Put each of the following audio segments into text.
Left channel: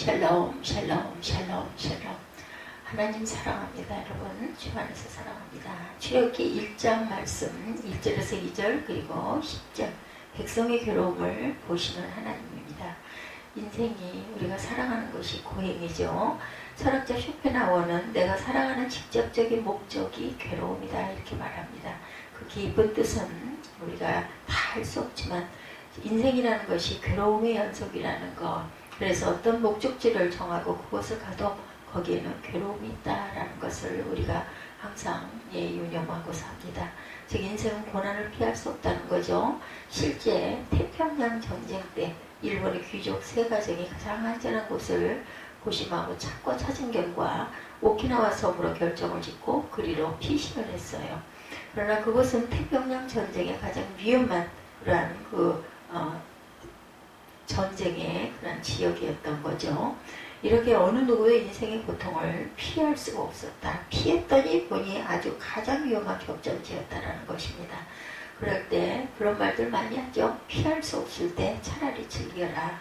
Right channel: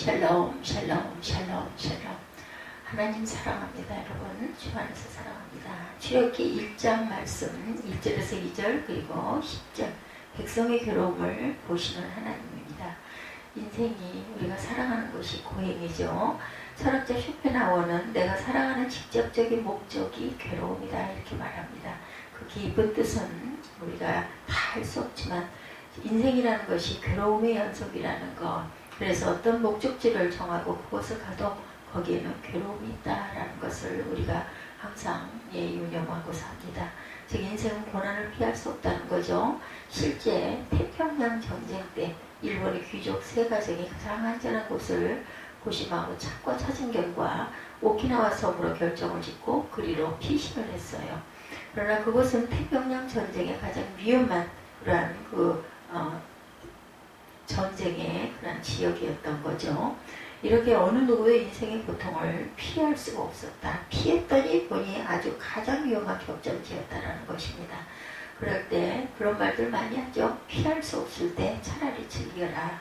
샬롬 샬롬 샬롬 샬롬. 하나님 사랑합니다. 여러분 주 안에서 사랑합니다. 출애굽기 1장 말씀 1절에서 2절 그리고 10절 백성의 괴로움을 보시는 하나님입니다. 인생이 우리가 사랑하는 것이 고행이죠. 철학자 쇼펜하우어는 내가 사랑하는 직접적인 목적이 괴로움이다 이렇게 말합니다. 그 깊은 뜻은 우리가 다 알 수 없지만 인생이라는 것이 괴로움의 연속이라는 것. 그래서 어떤 목적지를 정하고 그곳을 가도 거기에는 괴로움이 있다라는 것을 우리가 항상 유념하고 삽니다. 즉 인생은 고난을 피할 수 없다는 거죠. 실제 태평양 전쟁 때 일본의 귀족 세 가정이 가장 안전한 곳을 고심하고 찾은 결과 오키나와 섬으로 결정을 짓고 그리로 피신을 했어요. 그러나 그곳은 태평양 전쟁의 가장 위험한 그러한 전쟁의 그런 지역이었던 거죠. 이렇게 어느 누구도 인생의 고통을 피할 수가 없었다. 피했더니 보니 아주 가장 위험한 격전지였다라는 것입니다. 그럴 때 그런 말들 많이 하죠. 피할 수 없을 때 차라리 즐겨라.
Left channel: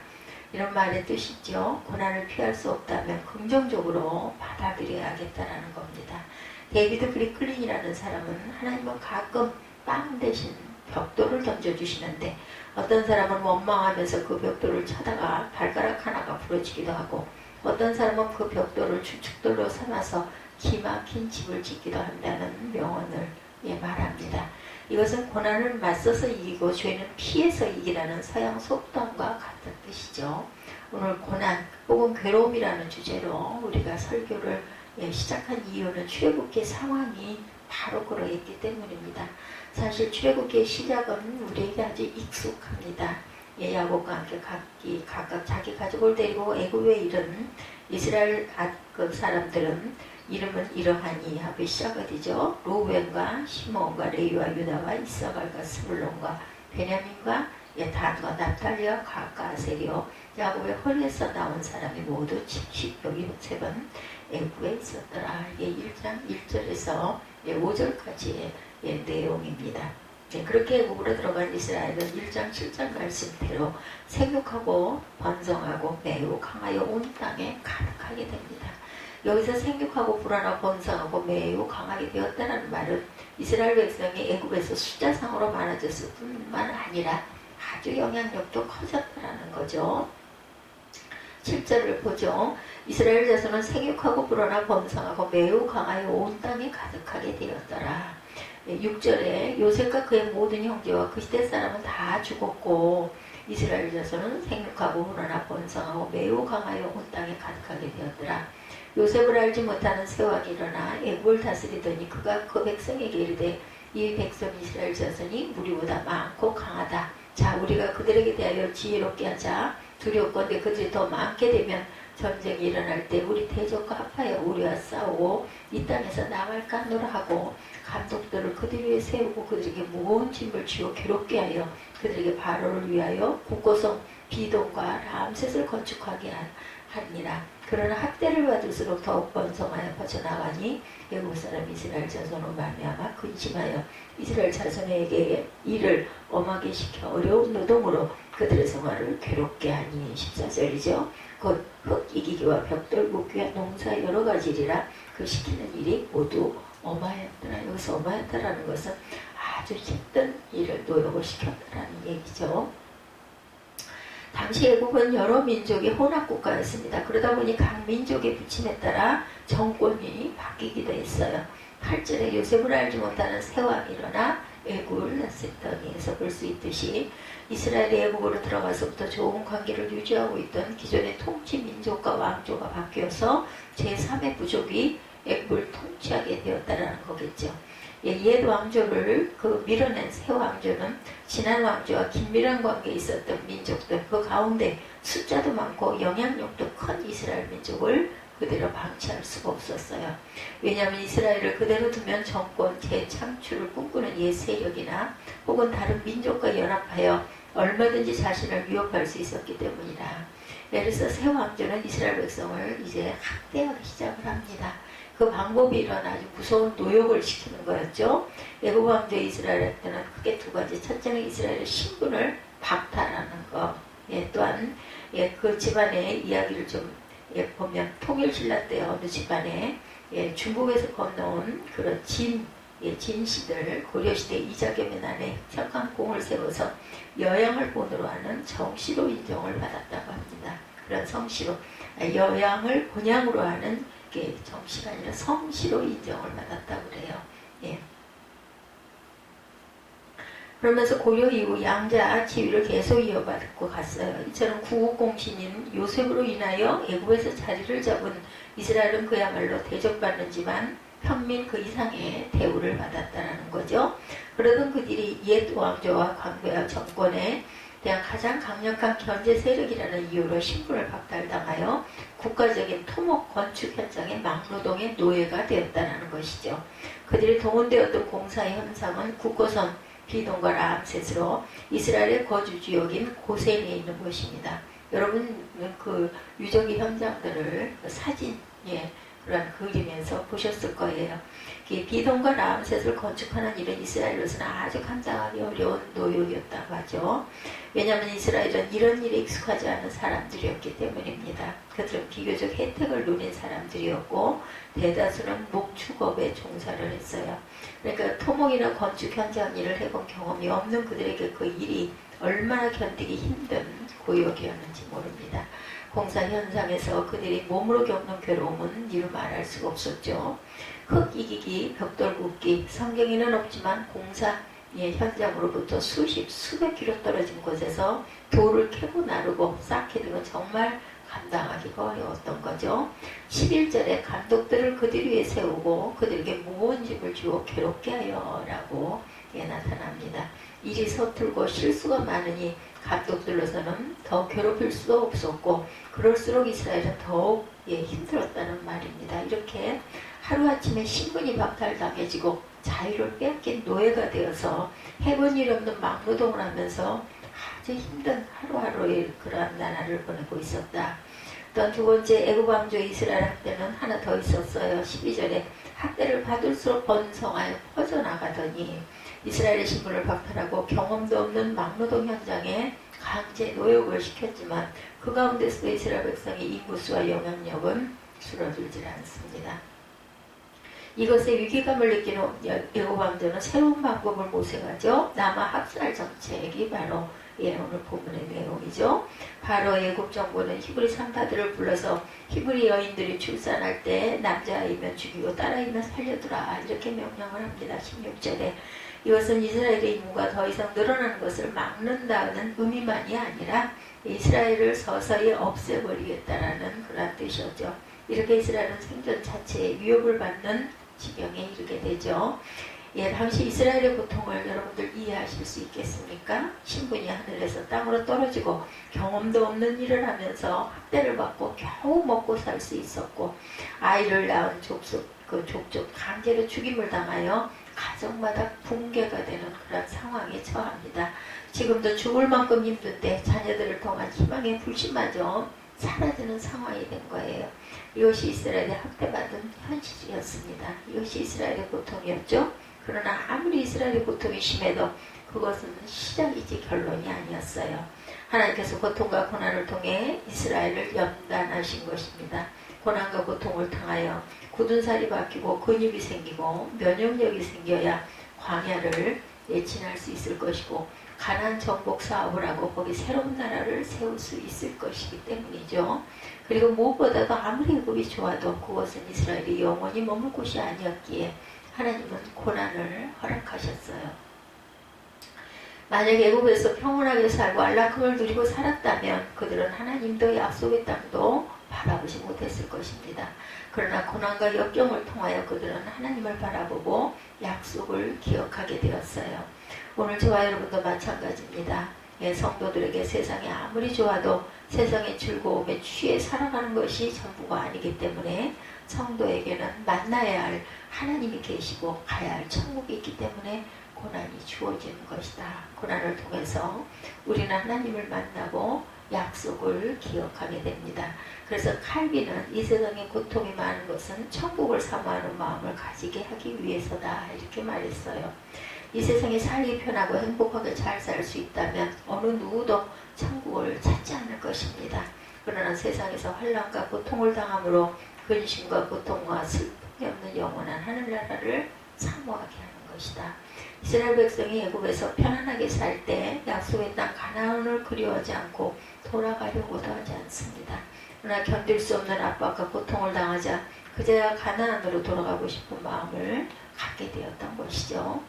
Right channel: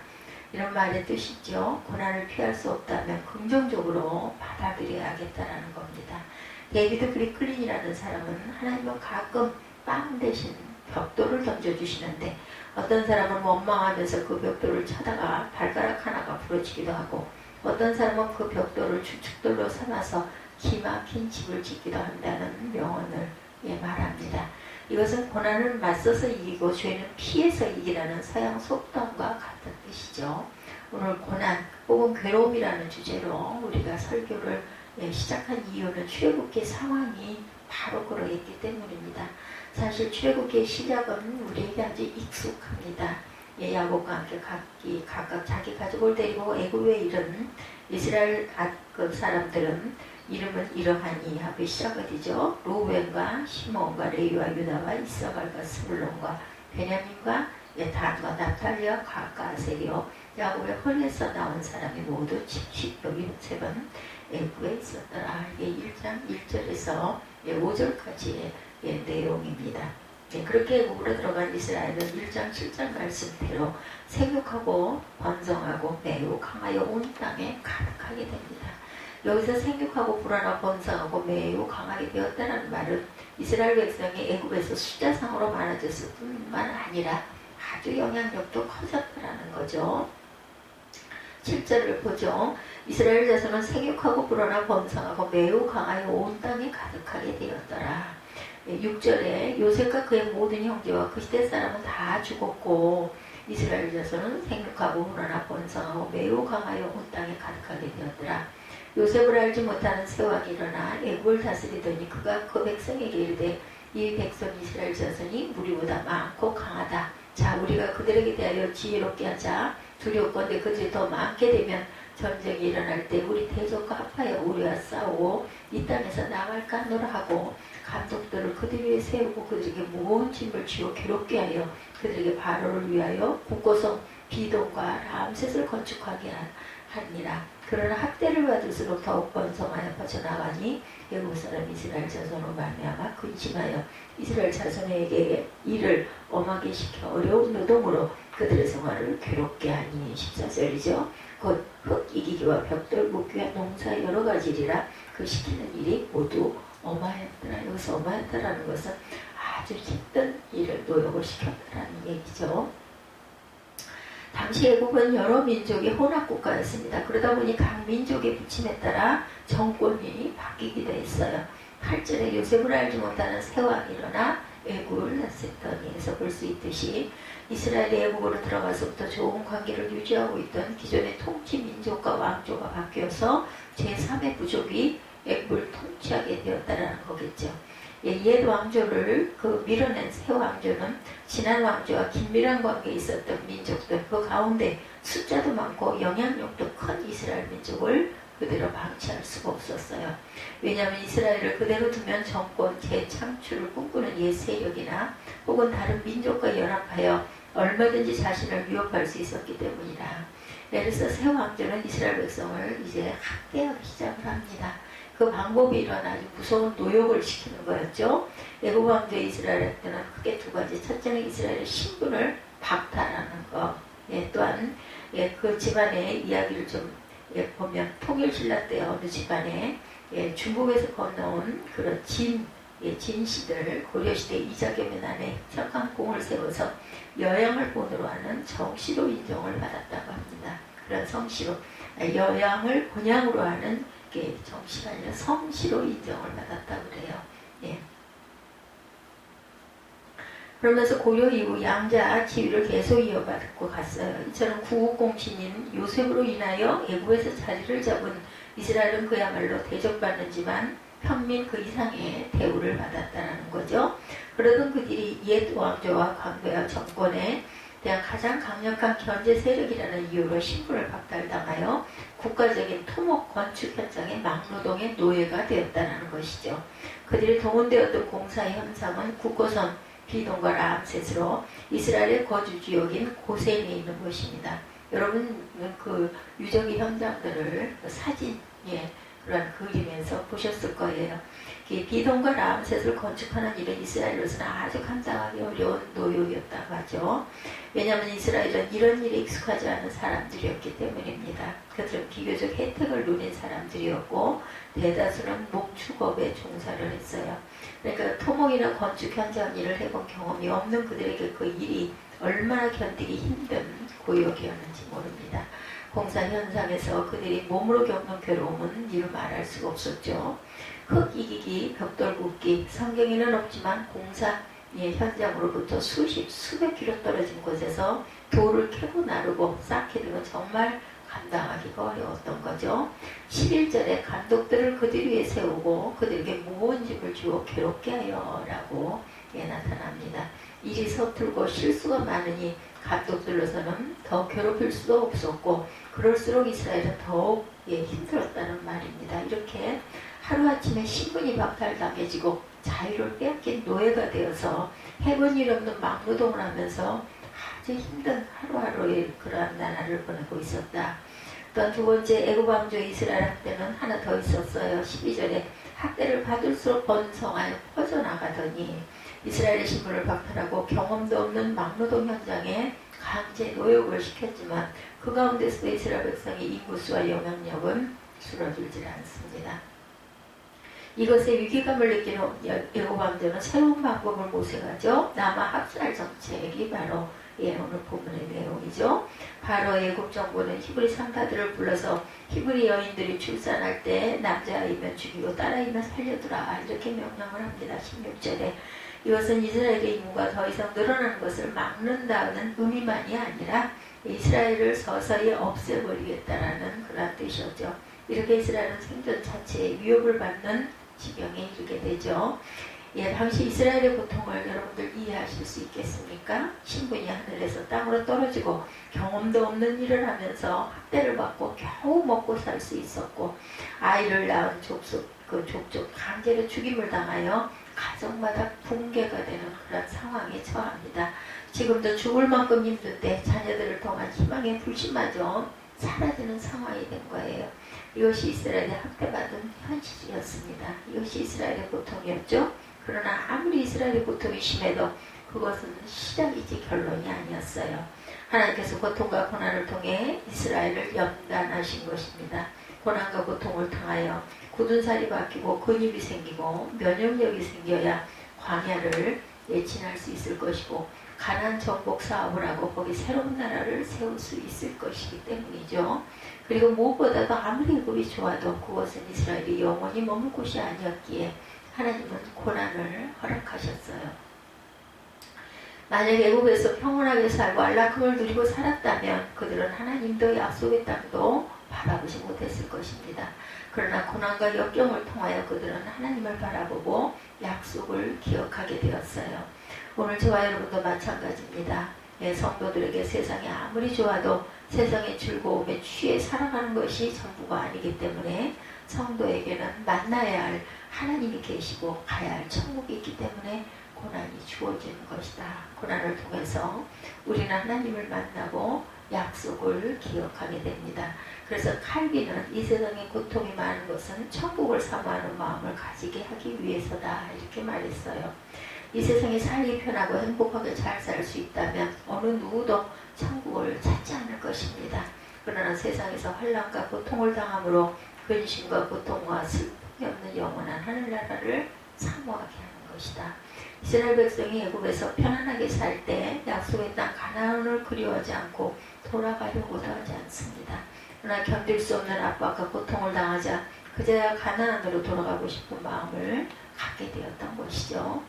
이런 말의 뜻이죠. 고난을 피할 수 없다면 긍정적으로 받아들여야겠다라는 겁니다. 데이비드 브리클린이라는 사람은 하나님은 가끔 빵 대신 벽돌을 던져주시는데 어떤 사람은 원망하면서 그 벽돌을 쳐다가 발가락 하나가 부러지기도 하고 어떤 사람은 그 벽돌을 주춧돌로 삼아서 기막힌 집을 짓기도 한다는 명언을 말합니다. 이것은 고난을 맞서서 이기고 죄는 피해서 이기라는 서양 속담과 같은 뜻이죠. 오늘 고난 혹은 괴로움이라는 주제로 우리가 설교를 시작한 이유는 출애굽기 상황이 바로 그러했기 때문입니다. 사실 출애굽기의 시작은 우리에게 아주 익숙합니다. 야곱과 함께 각각 자기 가족을 데리고 애굽에 이른 이스라엘 그 사람들은 이름은 이러하니 하고 시작이 되죠. 루벤과 시몬과 레위와 유다와 이사갈과 스불론과 베냐민과 단과 납달리와 갓과 아세리요 야곱의 허리에서 나온 사람이 모두 70여기세번 애굽에 있었더라. 이게 1장 1절에서 5절까지의 내용입니다. 그렇게 애굽으로 들어간 이스라엘은 1장 7장 말씀대로 생육하고 번성하고 매우 강하여 온 땅에 가득하게 됩니다. 여기서 생육하고 불어나 번성하고 매우 강하게 되었다는 말은 이스라엘 백성이 애굽에서 숫자상으로 많아졌을 뿐만 아니라 아주 영향력도 커졌다는 거죠. 7절을 보죠. 이스라엘 자손은 생육하고 불어나 번성하고 매우 강하여 온 땅에 가득하게 되었더라. 6절에 요셉과 그의 모든 형제와 그 시대 사람은 다 죽었고 이스라엘 자손은 생육하고 불어나 번성하고 매우 강하여 온 땅에 가득하게 되었더라. 요셉을 알지 못하는 세왕이 일어나 애굽을 다스리더니 그가 그 백성에게 이르되 이 백성 이스라엘 자손이 우리보다 많고 강하다. 자 우리가 그들에게 대하여 지혜롭게 하자. 두렵건대 그들이 더 많게 되면 전쟁이 일어날 때 우리 대적과 합하여 우리와 싸우고 이 땅에서 나갈까 하노라 하고 감독들을 그들 위에 세우고 그들에게 무거운 짐을 지워 괴롭게 하여 그들에게 바로를 위하여 국고성 비동과 람셋을 건축하게 하니라. 그러나 학대를 받을수록 더욱 번성하여 퍼져나가니 애국 사람 이스라엘 자손으로 말미암아 근심하여 이스라엘 자손에게 일을 엄하게 시켜 어려운 노동으로 그들의 생활을 괴롭게 하니 14절이죠. 곧 흙 이기기와 벽돌 묶기와 농사 여러 가지 일이라 그 시키는 일이 모두 엄하였더라. 여기서 엄하였다라는 것은 아주 힘든 일을 노력을 시켰다라는 얘기죠. 당시 애국은 여러 민족의 혼합국가였습니다. 그러다 보니 각 민족의 부침에 따라 정권이 바뀌기도 했어요. 8절에 요셉을 알지 못하는 세왕이 일어나 애국을 다스리더니에서 볼 수 있듯이 이스라엘이 애국으로 들어가서부터 좋은 관계를 유지하고 있던 기존의 통치 민족과 왕조가 바뀌어서 제3의 부족이 애국을 통치하게 되었다는 거겠죠. 옛 왕조를 밀어낸 새 왕조는 지난 왕조와 긴밀한 관계에 있었던 민족들 그 가운데 숫자도 많고 영향력도 큰 이스라엘 민족을 그대로 방치할 수가 없었어요. 왜냐하면 이스라엘을 그대로 두면 정권 재창출을 꿈꾸는 옛 세력이나 혹은 다른 민족과 연합하여 얼마든지 자신을 위협할 수 있었기 때문이다. 예를 들어서 새 왕조는 이스라엘 백성을 이제 학대하기 시작을 합니다. 그 방법이 이런 아주 무서운 노역을 시키는 거였죠. 애굽 왕조 이스라엘한테는 크게 두 가지. 첫째는 이스라엘의 신분을 박탈하는 것. 또한 그 집안의 이야기를 좀 보면 통일신라 때 어느 집안에 중국에서 건너온 그런 진씨들, 고려시대 이자겸의 난에 석강공을 세워서 여양을 본으로 하는 정씨로 인정을 받았다고 합니다. 그런 성씨로, 여양을 본향으로 하는 게 정씨가 아니라 성씨로 인정을 받았다고 그래요. 그러면서 고려 이후 양자 지위를 계속 이어받고 갔어요. 이처럼 구국공신인 요셉으로 인하여 애굽에서 자리를 잡은 이스라엘은 그야말로 대접받는지만 평민 그 이상의 대우를 받았다는 거죠. 그러던 그들이 옛 왕조와 관계와 정권에 대한 가장 강력한 견제 세력이라는 이유로 신분을 박탈당하여 국가적인 토목 건축 현장의 막노동의 노예가 되었다는 것이죠. 그들이 동원되었던 공사 현장은 국고선 비동과 라암셋으로 이스라엘의 거주지역인 고센에 있는 것입니다. 여러분 그 유적의 현장들을 사진 그런 그리면서 보셨을 거예요. 비동과 라암셋을 건축하는 일은 이스라엘로서는 아주 감당하기 어려운 노역이었다고 하죠. 왜냐하면 이스라엘은 이런 일에 익숙하지 않은 사람들이었기 때문입니다. 그들은 비교적 혜택을 누린 사람들이었고 대다수는 목축업에 종사를 했어요. 그러니까 토목이나 건축 현장 일을 해본 경험이 없는 그들에게 그 일이 얼마나 견디기 힘든 고역이었는지 모릅니다. 공사 현장에서 그들이 몸으로 겪는 괴로움은 이루 말할 수가 없었죠. 흙 이기기, 벽돌 굽기, 성경에는 없지만 공사 현장으로부터 수백 킬로 떨어진 곳에서 돌을 캐고 나르고 쌓게 되면 정말 감당하기가 어려웠던 거죠. 11절에 감독들을 그들 위에 세우고 그들에게 무거운 짐을 주어 괴롭게 하여 라고 나타납니다. 일이 서툴고 실수가 많으니 감독들로서는 더 괴롭힐 수도 없었고 그럴수록 이스라엘은 더욱 힘들었다는 말입니다. 이렇게 하루아침에 신분이 박탈당해지고 자유를 빼앗긴 노예가 되어서 해본 일 없는 막노동을 하면서 아주 힘든 하루하루의 그러한 나날을 보내고 있었다. 또한 두 번째 애굽 왕조의 이스라엘 학대는 하나 더 있었어요. 12절에 학대를 받을수록 번성하여 퍼져나가더니 이스라엘의 신분을 박탈하고 경험도 없는 막노동 현장에 강제 노역을 시켰지만 그 가운데서도 이스라엘 백성의 인구수와 영향력은 줄어들지 않습니다. 이것에 위기감을 느끼는 애굽 왕조는 새로운 방법을 모색하죠. 남아 합살 정책이 바로 오늘 본문의 내용이죠. 바로 애굽 정부는 히브리 상사들을 불러서 히브리 여인들이 출산할 때 남자아이면 죽이고 딸아이면 살려두라 이렇게 명령을 합니다. 16절에 이것은 이스라엘의 인구가 더 이상 늘어나는 것을 막는다는 의미만이 아니라 이스라엘을 서서히 없애버리겠다라는 그런 뜻이었죠. 이렇게 이스라엘은 생존 자체에 위협을 받는 지경에 이르게 되죠. 당시 이스라엘의 고통을 여러분들 이해하실 수 있겠습니까? 신분이 하늘에서 땅으로 떨어지고 경험도 없는 일을 하면서 학대를 받고 겨우 먹고 살 수 있었고 아이를 낳은 족속 강제로 죽임을 당하여 가정마다 붕괴가 되는 그런 상황에 처합니다. 지금도 죽을 만큼 힘든데 자녀들을 통한 희망의 불씨마저 사라지는 상황이 된 거예요. 이것이 이스라엘의 학대받은 현실이었습니다. 이것이 이스라엘의 고통이었죠. 그러나 아무리 이스라엘의 고통이 심해도 그것은 시작이지 결론이 아니었어요. 하나님께서 고통과 고난을 통해 이스라엘을 연단하신 것입니다. 고난과 고통을 통하여 굳은 살이 박히고 근육이 생기고 면역력이 생겨야 광야를 지날 수 있을 것이고 가나안 정복 사업을 하고 거기 새로운 나라를 세울 수 있을 것이기 때문이죠. 그리고 무엇보다도 아무리 애굽이 좋아도 그것은 이스라엘이 영원히 머물 곳이 아니었기에 하나님은 고난을 허락하셨어요. 만약 애굽에서 평온하게 살고 안락함을 누리고 살았다면 그들은 하나님도 약속의 땅도 바라보지 못했을 것입니다. 그러나 고난과 역경을 통하여 그들은 하나님을 바라보고 약속을 기억하게 되었어요. 오늘 저와 여러분도 마찬가지입니다. 성도들에게 세상이 아무리 좋아도 세상의 즐거움에 취해 살아가는 것이 전부가 아니기 때문에 성도에게는 만나야 할 하나님이 계시고 가야 할 천국이 있기 때문에 고난이 주어지는 것이다. 고난을 통해서 우리는 하나님을 만나고 약속을 기억하게 됩니다. 그래서 칼빈은 이 세상에 고통이 많은 것은 천국을 사모하는 마음을 가지게 하기 위해서다 이렇게 말했어요. 이 세상에 살기 편하고 행복하게 잘 살 수 있다면 어느 누구도 천국을 찾지 않을 것입니다. 그러나 세상에서 환난과 고통을 당함으로 근심과 고통과 슬픔이 없는 영원한 하늘나라를 사모하게 하는 것이다. 이스라엘 백성이 애굽에서 편안하게 살 때 약속의 땅 가나안을 그리워하지 않고 돌아가려고도 하지 않습니다. 그러나 견딜 수 없는 압박과 고통을 당하자 그제야 가나안으로 돌아가고 싶은 마음을 갖게 되었던 것이죠.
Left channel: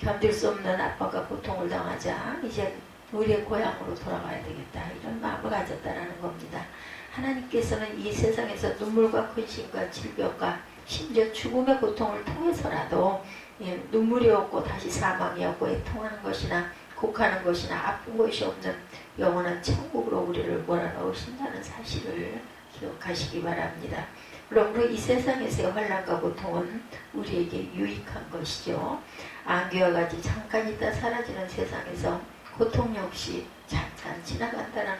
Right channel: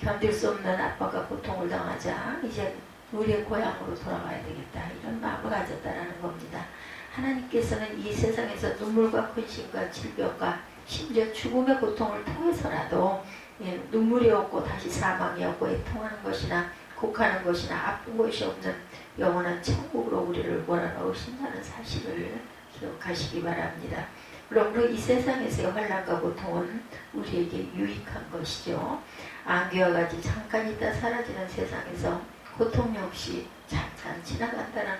견딜 수 없는 압박과 고통을 당하자 이제 우리의 고향으로 돌아가야 되겠다, 이런 마음을 가졌다는 겁니다. 하나님께서는 이 세상에서 눈물과 근심과 질병과 심지어 죽음의 고통을 통해서라도 눈물이 없고 다시 사망이 없고 애통하는 것이나 곡하는 것이나 아픈 것이 없는 영원한 천국으로 우리를 몰아넣으신다는 사실을 기억하시기 바랍니다. 그러므로 이 세상에서의 환난과 고통은 우리에게 유익한 것이죠. 안개와 같이 잠깐 있다 사라지는 세상에서 고통 역시 잠깐 지나간다는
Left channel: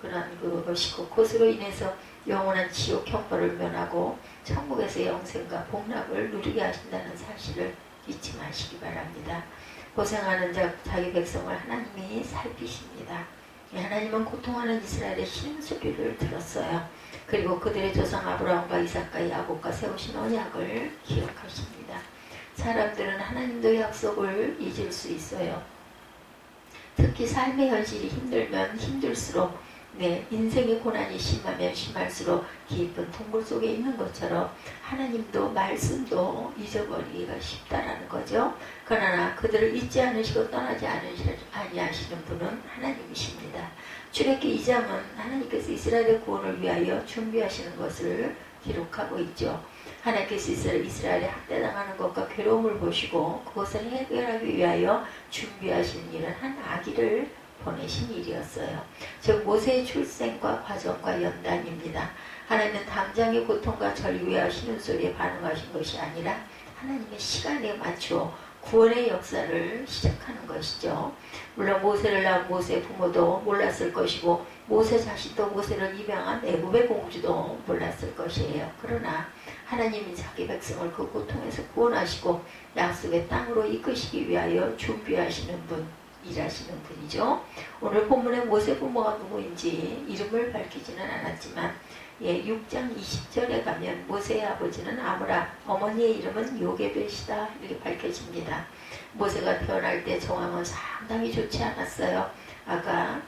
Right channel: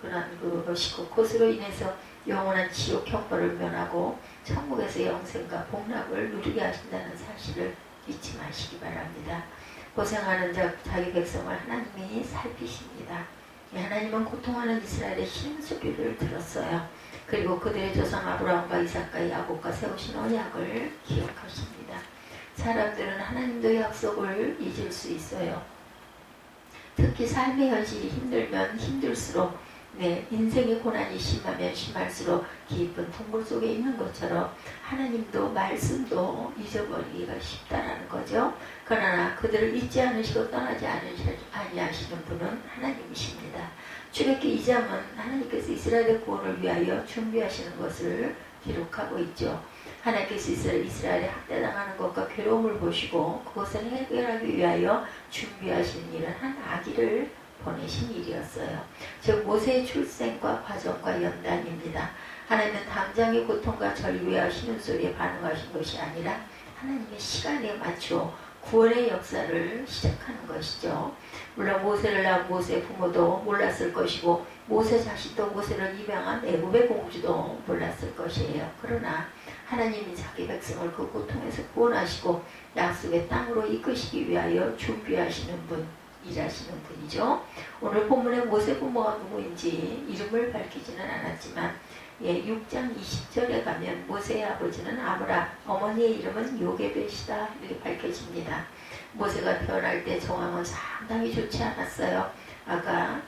그런 것이고, 그것으로 인해서 영원한 지옥 형벌을 면하고 천국에서 영생과 복락을 누리게 하신다는 사실을 잊지 마시기 바랍니다. 고생하는 자기 백성을 하나님이 살피십니다. 하나님은 고통하는 이스라엘의 신음소리를 들었어요. 그리고 그들의 조상 아브라함과 이삭과 야곱과 세우신 언약을 기억하십니다. 사람들은 하나님도 약속을 잊을 수 있어요. 특히 삶의 현실이 힘들면 힘들수록, 인생의 고난이 심하면 심할수록 깊은 동굴 속에 있는 것처럼 하나님도 말씀도 잊어버리기가 쉽다라는 거죠. 그러나 그들을 잊지 않으시고 떠나지 아니하시는 분은 하나님이십니다. 출애굽기 2장은 하나님께서 이스라엘의 구원을 위하여 준비하시는 것을 기록하고 있죠. 하나님께서 이스라엘이 학대당하는 것과 괴로움을 보시고 그것을 해결하기 위하여 준비하신 일은 한 아기를 보내신 일이었어요. 즉 모세의 출생과 과정과 연단입니다. 하나님은 당장의 고통과 절규와 신음소리에 반응하신 것이 아니라 하나님의 시간에 맞추어 구원의 역사를 시작하는 것이죠. 물론 모세를 낳은 모세의 부모도 몰랐을 것이고 모세 자신도 모세를 입양한 애굽의 공주도 몰랐을 것이에요. 그러나 하나님이 자기 백성을 그 고통에서 구원하시고 약속의 땅으로 이끄시기 위하여 준비하시는 분, 일하시는 분이죠. 오늘 본문의 모세 부모가 누구인지 이름을 밝히지는 않았지만 6장 20절에 가면 모세의 아버지는 아므람, 어머니의 이름은 요게벳이다 이렇게 밝혀집니다. 모세가 태어날 때 정황은 상당히 좋지 않았어요. 아까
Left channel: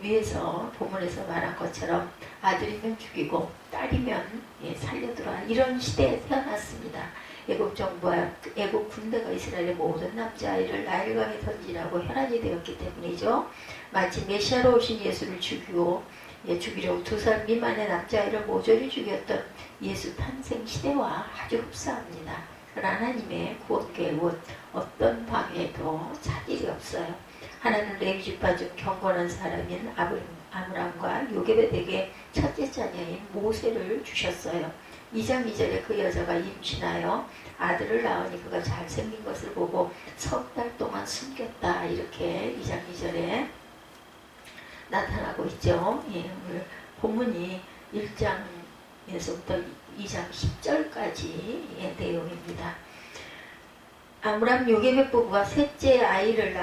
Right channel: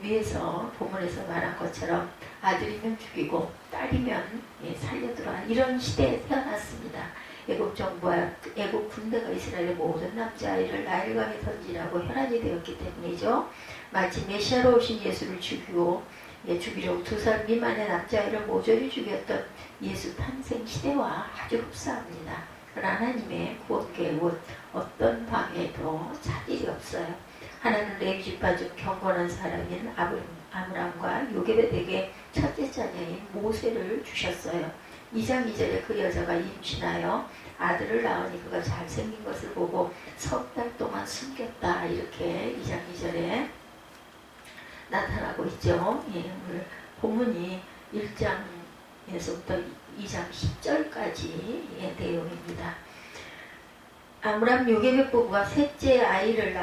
위에서 본문에서 말한 것처럼 아들이면 죽이고 딸이면 살려들어, 이런 시대에 태어났습니다. 애굽 정부와 애굽 군대가 이스라엘의 모든 남자아이를 나일강에 던지라고 혈안이 되었기 때문이죠. 마치 메시아로 오신 예수를 죽이려고 2살 미만의 남자아이를 모조리 죽였던 예수 탄생 시대와 아주 흡사합니다. 그러나 하나님의 구원 계획은 어떤 방해도 차질이 없어요. 하나님은 레위 지파 중 경건한 사람인 아므람과 요게벳에게 첫째 자녀인 모세를 주셨어요. 2장 2절에 그 여자가 임신하여 아들을 낳으니 그가 잘생긴 것을 보고 석 달 동안 숨겼다, 이렇게 2장 2절에 나타나고 있죠. 오늘 본문이 1장에서부터 2장 10절까지의 내용입니다. 아므람 요게벳 부부가 셋째 아이를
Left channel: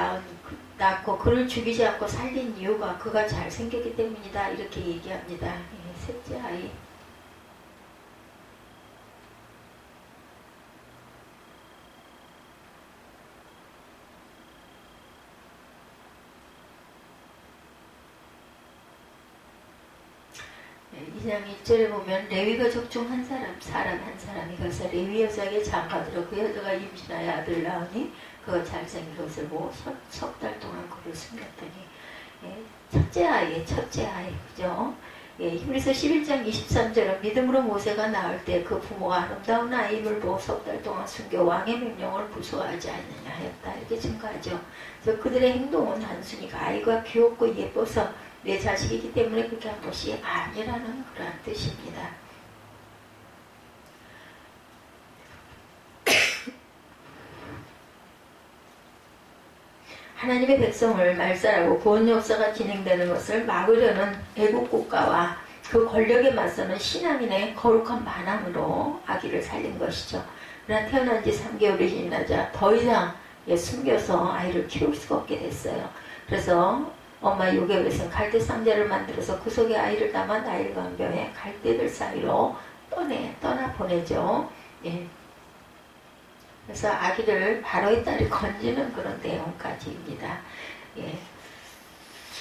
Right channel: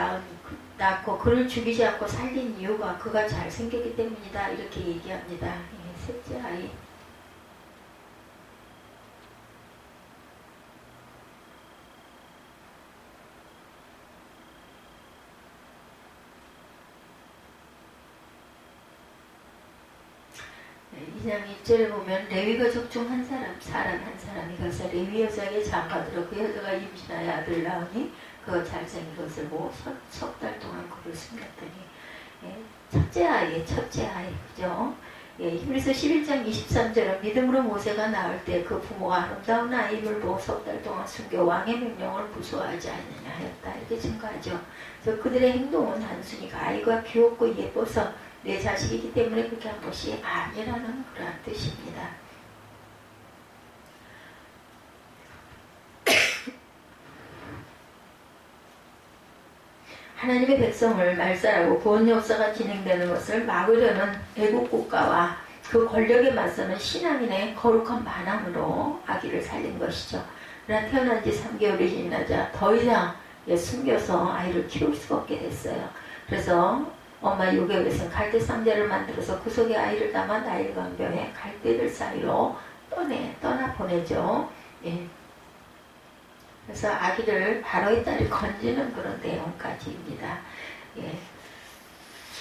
낳고 그를 죽이지 않고 살린 이유가 그가 잘생겼기 때문이다, 이렇게 얘기합니다. 셋째 아이. 네, 2장 1절에 보면 레위 가족 중 한 사람 한 사람이 가서 레위 여자에게 장가들어 그 여자가 임신하여 아들을 낳으니 그가 잘생긴 것을 보고 석 달 동안 그를 숨겼더니, 첫째 아이, 그죠? 히브리서 11장 23절은 믿음으로 모세가 낳을 때 그 부모가 아름다운 아이를 보고 석 달 동안 숨겨 왕의 명령을 부수하지 않느냐 하였다, 이렇게 증거하죠. 그래서 그들의 행동은 단순히 아이가 귀엽고 예뻐서 내 자식이기 때문에 그렇게 한 것이 아니라는 그러한 뜻입니다. 하나님의 백성을 말살하고 구원 역사가 진행되는 것을 막으려는 애국 국가와 그 권력에 맞서는 신앙인의 거룩한 반항으로 아기를 살린 것이죠. 그러나 태어난 지 3개월이 지나자 더 이상 숨겨서 아이를 키울 수가 없게 됐어요. 그래서 엄마 요괴bet은 갈대 상자를 만들어서 그 속에 아이를 담아 나일 강변에 갈대들 사이로 떠나 보내죠. 예. 그래서 아기를 바로의 딸이 건지는 그런 내용까지입니다. 예.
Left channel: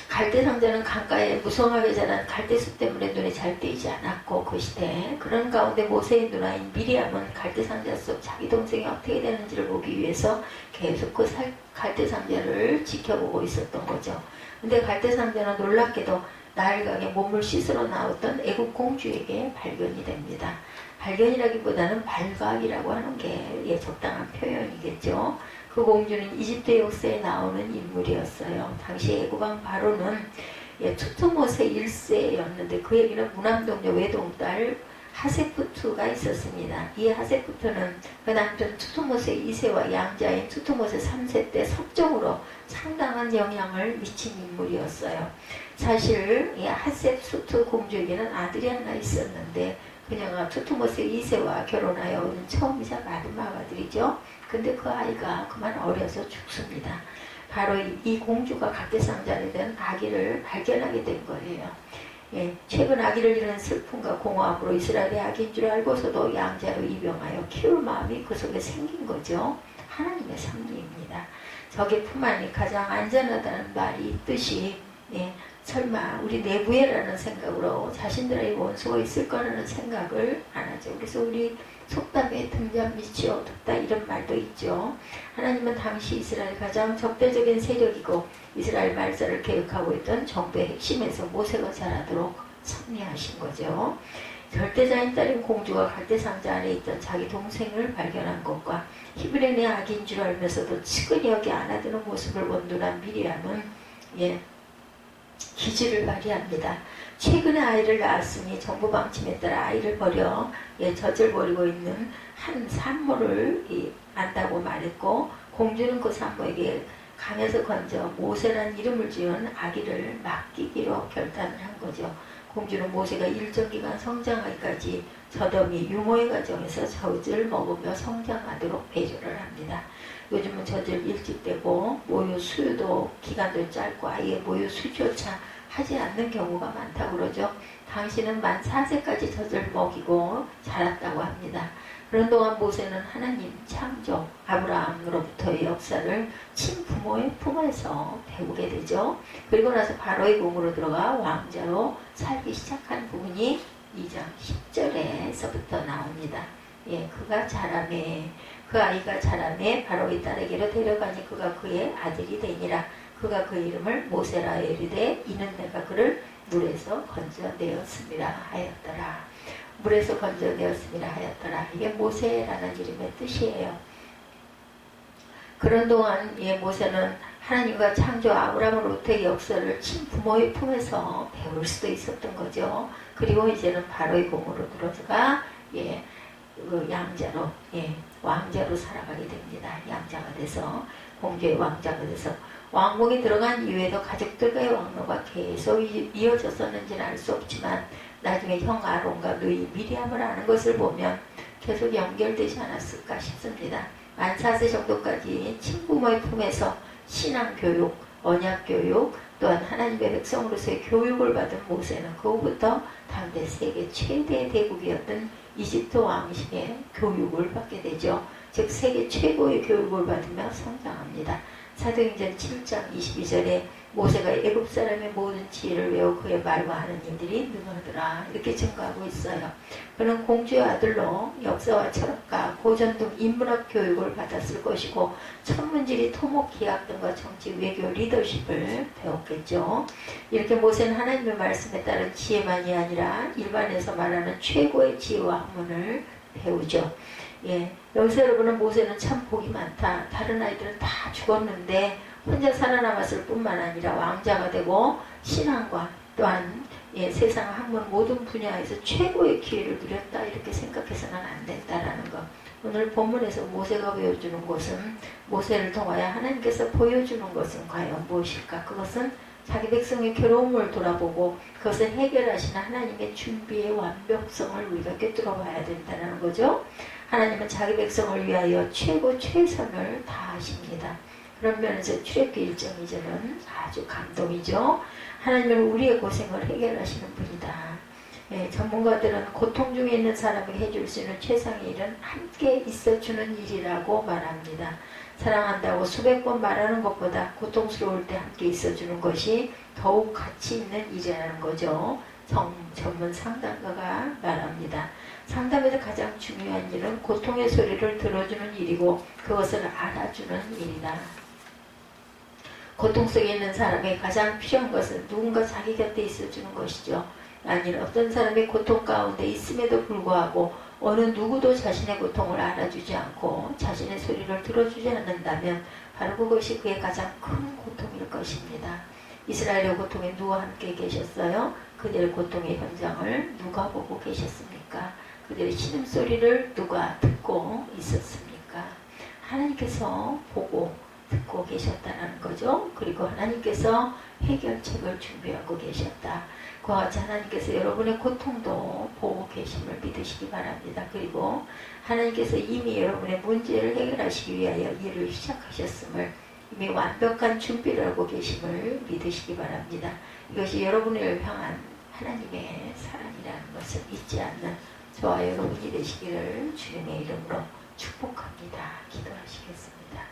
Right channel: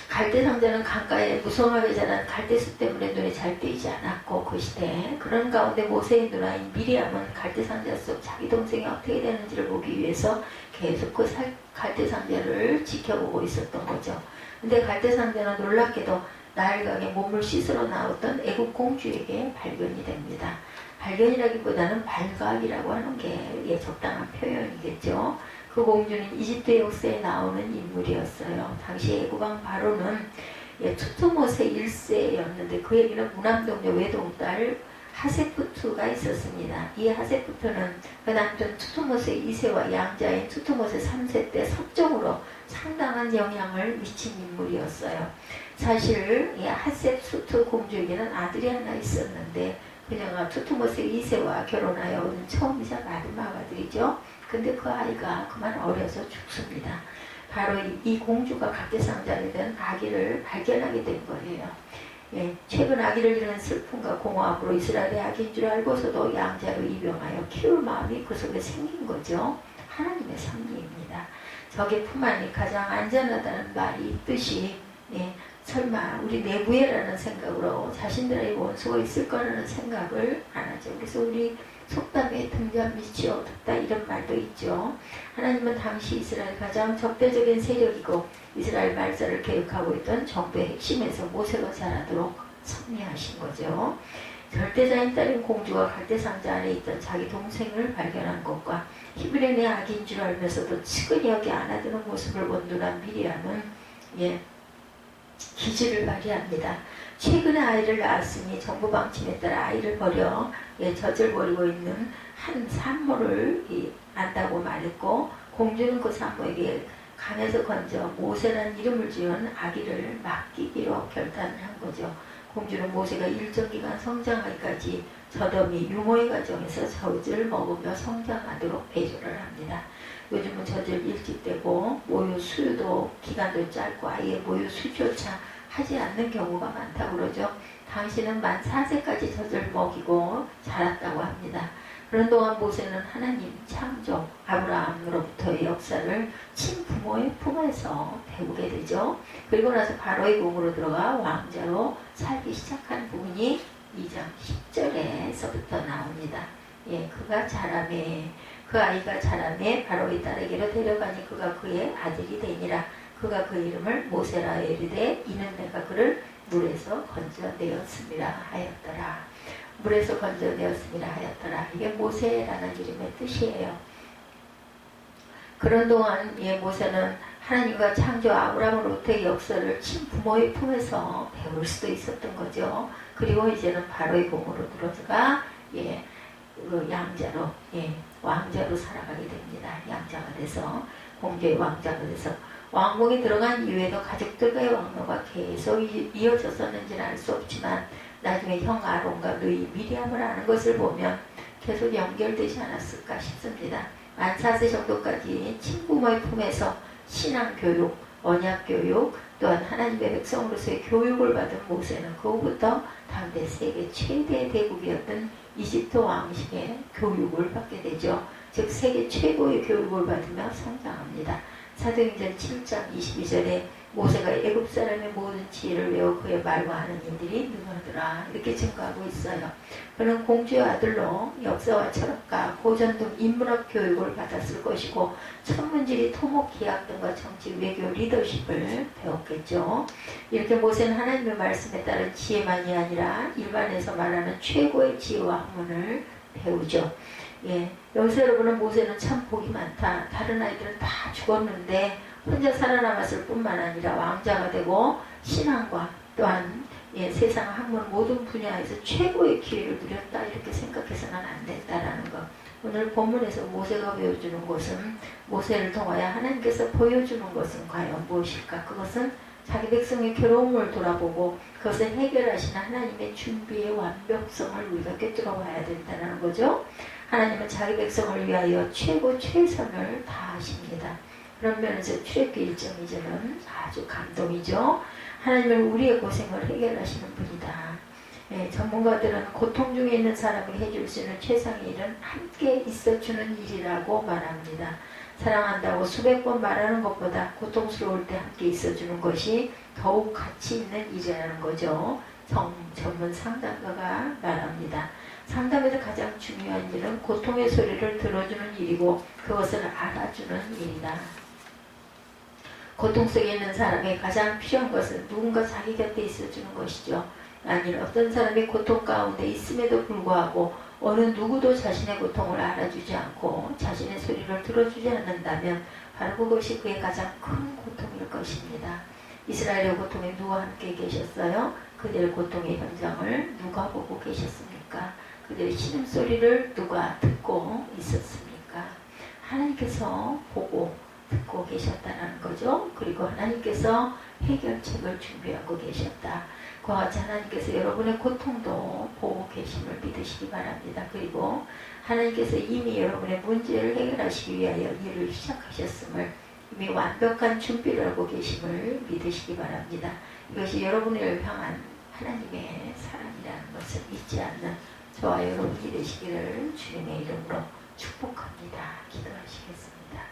갈대 상자는 강가에 무성하게 자란 갈대숲 때문에 눈에 잘 띄지 않았고 그 시대 그런 가운데 모세의 누나인 미리암은 갈대 상자 속 자기 동생이 어떻게 되는지를 보기 위해서 계속 그 갈대 상자를 지켜보고 있었던 거죠. 근데 갈대 상자는 놀랍게도 나일강에 몸을 씻으러 나왔던 애국 공주에게 발견이 됩니다. 발견이라기보다는 발각이라고 하는 게 적당한 표현이겠죠. 그 공주는 이집트 역사에 나오는 인물이었어요. 당시 애국왕 바로는 투트모세 1세였는데 그에게는 무남동녀 외동딸 하세푸트가 있었습니다. 이 하세푸트는 그 남편 투트모세 2세와 양자인 투트모세 3세 때 섭정으로 상당한 영향을 미친 인물이었어요. 사실 이 하세푸트 공주에게는 아들이 하나 있었는데 그녀가 투트모세 2세와 결혼하여 처음이자 마지막 아들이죠. 근데 그 아이가 그만 어려서 죽습니다. 바로 이 공주가 갈대상자에 대한 아기를 발견하게 된 거예요. 예, 최근 아기를 잃은 슬픔과 공허함으로 이스라엘의 아기인 줄 알고서도 양자로 입양하여 키울 마음이 그 속에 생긴 거죠. 하나님의 섭리입니다. 적의 품 안이 가장 안전하다는 말이 있듯이 예, 설마 우리 내부에라는 생각으로 자신들의 원수가 있을 거라는 생각을 안 하죠. 그래서 우리 속담에 등잔 밑이 어둡다 이런 말도 있죠. 하나님은 당시 이스라엘 가장 적대적인 세력이고 이스라엘 말살을 계획하고 있던 정부의 핵심에서 모세가 자라도록 섭리하신 거죠. 절대자인 딸인 공주가 갈대상자 안에 있던 자기 동생을 발견한 것과 히브리인의 아기인 줄 알면서도 측은히 여기 안아드는 모습을 본 누나 미리암은 기지를 발휘합니다. 최근에 아이를 낳았으니 정부 방침에 따라 아이를 버려 젖을 버리고 있는 한 산모를 안다고 말했고 공주는 그 산모에게 강에서 건져 모세라는 이름을 지은 아기를 맡기기로 결단을 한 거죠. 공주는 모세가 일정 기간 성장하기까지 젖어미 유모의 과정에서 젖을 먹으며 성장하도록 배려를 합니다. 요즘은 젖을 일찍 떼고 모유 수유도 기간도 짧고 아예 모유 수조차 하지 않는 경우가 많다고 그러죠. 당신은 만 4세까지 젖을 먹이고 자랐다고 합니다. 그런 동안 모세는 하나님 창조 아브라함으로부터의 역사를 친부모의 품에서 배우게 되죠. 그리고 나서 바로의 궁으로 들어가 왕자로 살기 시작한 부분이 2장 10절에서부터 나옵니다. 예, 그가 자라매 그 아이가 자라매 바로의 딸에게로 데려가니 그가 그의 아들이 되니라. 그가 그 이름을 모세라 이르되 이는 내가 그를 물에서 건져내었음이라 하였더라. 물에서 건져내었음이라 하였더라. 이게 모세라는 이름의 뜻이에요. 그런 동안 모세는 하나님과 창조 아브라함으로부터의 역사를 친부모의 품에서 배울 수도 있었던 거죠. 그리고 이제는 바로의 공으로 들어서가 양자로 왕자로 살아가게 됩니다. 양자가 돼서 공주의 왕자가 돼서 왕궁에 들어간 이후에도 가족들과의 왕로가 계속 이어졌었는지는 알 수 없지만 나중에 형 아론과 누이 미리암을 아는 것을 보면 계속 연결되지 않았을까 싶습니다. 만 4세 정도까지 친부모의 품에서 신앙교육, 언약교육, 또한 하나님의 백성으로서의 교육을 받은 모세는 그 후부터 당대 세계 최대의 대국이었던 이집트 왕실의 교육을 받게 되죠. 즉 세계 최고의 교육을 받으며 성장합니다. 사도행전 7장 22절에 모세가 애굽 사람의 모든 지혜를 외워 그의 말과 하는 일들이 능하더라 이렇게 증거하고 있어요. 그는 공주의 아들로 역사와 철학과 고전 등 인문학 교육을 받았을 것이고 천문지리, 토목, 기학 등과 정치, 외교, 리더십을 배웠겠죠. 이렇게 모세는 하나님의 말씀에 따른 지혜만이 아니라 일반에서 말하는 최고의 지혜와 학문을 배우죠. 여기서 여러분은 모세는 참 복이 많다. 다른 아이들은 다 죽었는데 혼자 살아남았을 뿐만 아니라 왕자가 되고 신앙과 또한 세상 학문 모든 분야에서 최고의 기회를 누렸다. 이렇게 생각해서는 안 된다라는 것. 오늘 본문에서 모세가 보여주는 것은 모세를 통하여 하나님께서 보여주는 것은 과연 무엇일까? 그것은 자기 백성의 괴로움을 돌아보고 그것을 해결하시는 하나님의 준비의 완벽성을 우리가 꿰뚫어 봐야 된다는 거죠. 하나님은 자기 백성을 위하여 최고 최선을 다하십니다. 그런 면에서 출애굽기 1장 2절은 아주 감동이죠. 하나님은 우리의 고생을 해결하시는 분이다. 예, 전문가들은 고통 중에 있는 사람에게 해줄 수 있는 최상의 일은 함께 있어주는 일이라고 말합니다. 사랑한다고 수백 번 말하는 것보다 고통스러울 때 함께 있어주는 것이 더욱 가치 있는 일이라는 거죠. 전문 상담가가 말합니다. 상담에서 가장 중요한 일은 고통의 소리를 들어주는 일이고 그것을 알아주는 일이다. 고통 속에 있는 사람에게 가장 필요한 것은 누군가 자기 곁에 있어주는 것이죠. 아니 어떤 사람이 고통 가운데 있음에도 불구하고 어느 누구도 자신의 고통을 알아주지 않고 자신의 소리를 들어주지 않는다면 바로 그것이 그의 가장 큰 고통일 것입니다. 이스라엘의 고통에 누가 함께 계셨어요? 그들의 고통의 현장을 누가 보고 계셨습니까? 그들의 신음소리를 누가 듣고 있었습니까? 하나님께서 보고 듣고 계셨다는 거죠. 그리고 하나님께서 해결책을 준비하고 계셨다. 그와 같이 하나님께서 여러분의 고통도 보고 계심을 믿으시기 바랍니다. 그리고 하나님께서 이미 여러분의 문제를 해결하시기 위하여 일을 시작하셨음을 이미 완벽한 준비를 하고 계심을 믿으시기 바랍니다. 이것이 여러분을 향한 하나님의 사랑이라는 것을 잊지 않는 저와 여러분이 되시기를 주님의 이름으로 축복합니다. 기도하시겠습니다.